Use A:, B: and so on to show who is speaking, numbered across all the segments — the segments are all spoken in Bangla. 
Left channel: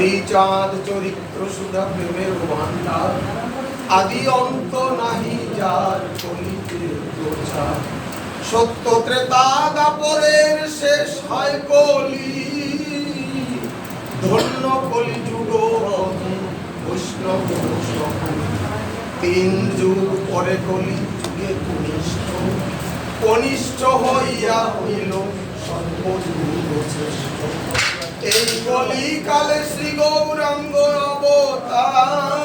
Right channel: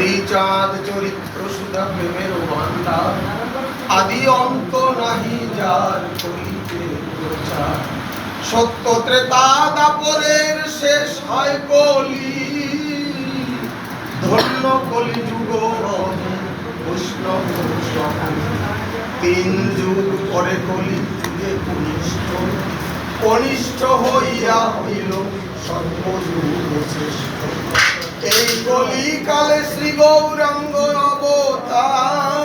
A: হরিচাঁদ চরিত্র সুধা প্রেমের ভান্ডার আদি অন্ত নাহি যার করিতে প্রচার। সত্য ত্রেতা দাপরের শেষ হয় কলি। ধন্য কলি যুগ বৈষ্ণব তিন যুগ পরে কলি যুগে কনিষ্ঠ। কনিষ্ঠ হইয়া হইল সর্বযুগ শ্রেষ্ঠ। এই কলিকালে শ্রী গৌরাঙ্গ অবতার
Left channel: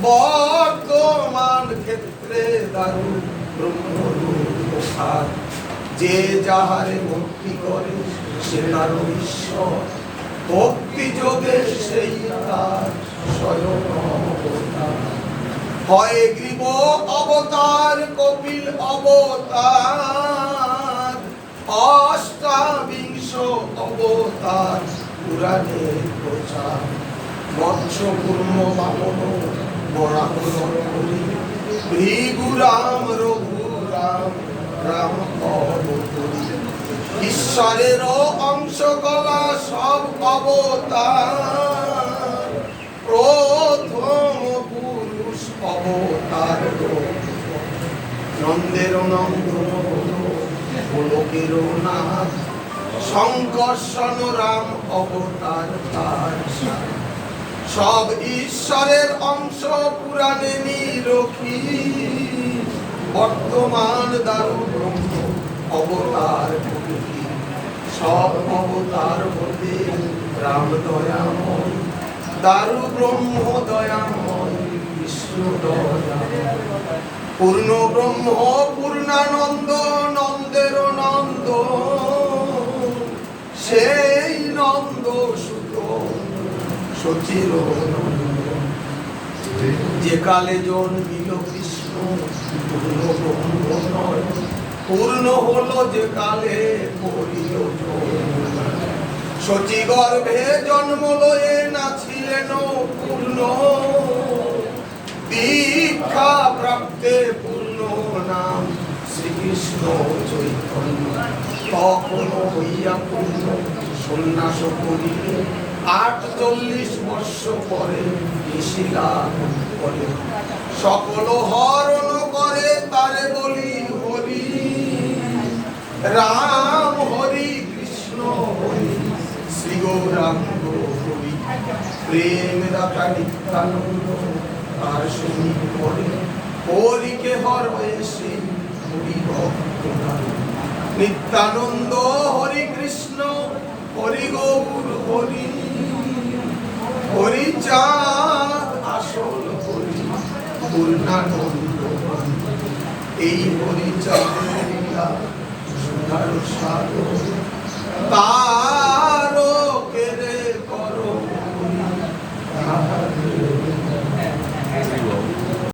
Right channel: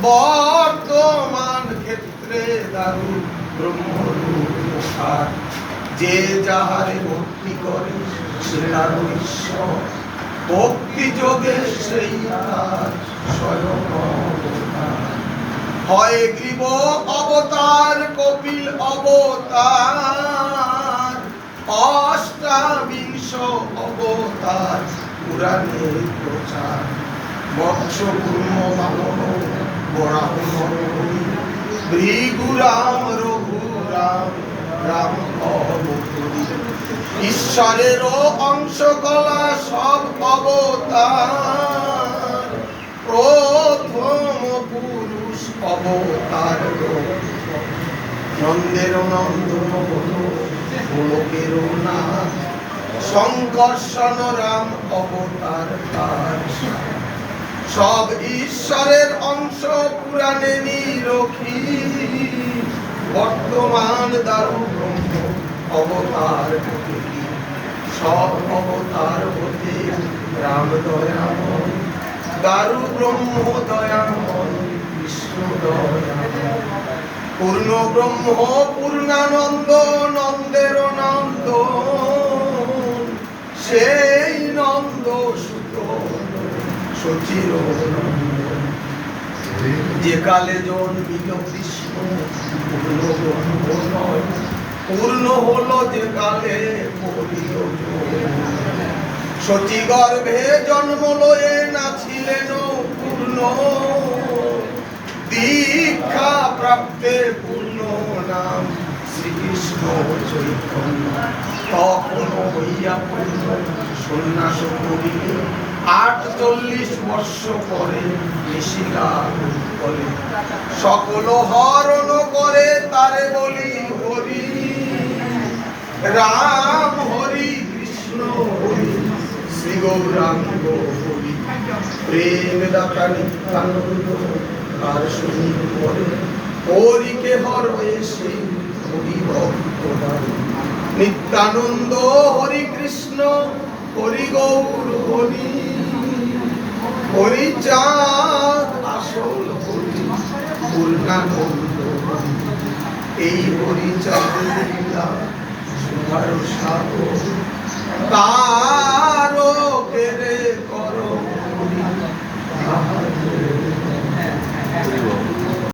A: বর্তমান ক্ষেত্রে দারু ব্রহ্মরূপার যে যাহারে ভক্তি করে, সে তার ঈশ্বর। ভক্তি যোগে সেই তার স্বয়ং হয় গ্রীব অবতার, কপিল অবতার। অবতার, পুরাণে প্রচার। মৎস্য কুর্ম বামন বরাহ হরি ভৃগুরাম রঘুরাম, রাম ঈশ্বরের অংশ কলা সব অবতার। প্রথম পুরুষ অবতার নন্দের নন্দন হলো নাথ। সংকর্ষণ রাম অবতার। সব ঈশ্বরের অংশ পুরাণে নিরখি। বর্তমান দারু ব্রহ্ম অবতার সব অবতার হতে রাম দয়াময়। দারু ব্রহ্ম দয়াময়, বিষ্ণু দয়াময়। পূর্ণ ব্রহ্ম, পূর্ণানন্দ সচির যে কালে জন্মিল কৃষ্ণ, পূর্ণ হলো যে কালে সচি গর্ভে জন্ম লয়ে নাছিলেন পূর্ণ। দীক্ষা প্রাপ্তে পূর্ণ নাম শ্রীকৃষ্ণ চৈতন্য। তখন হইয়া পূর্ণ সন্ন্যাস করিলে আটচল্লিশ বর্ষ পরে করে সকল হরণ করে তারে বলি, হরি, রাম, হরি, কৃষ্ণ, হরি, শ্রী গৌরাঙ্গ, হরি। প্রেম দাতা নিত্যানন্দ আর শুনি করে হরিকে হর এসে হরি ভক্ত নিত্যানন্দ, হরি কৃষ্ণ হরি গৌর হরি হরি চাঁদ আসল হরি পূর্ণানন্দ এই হরি চাঁদ সুধার সাগর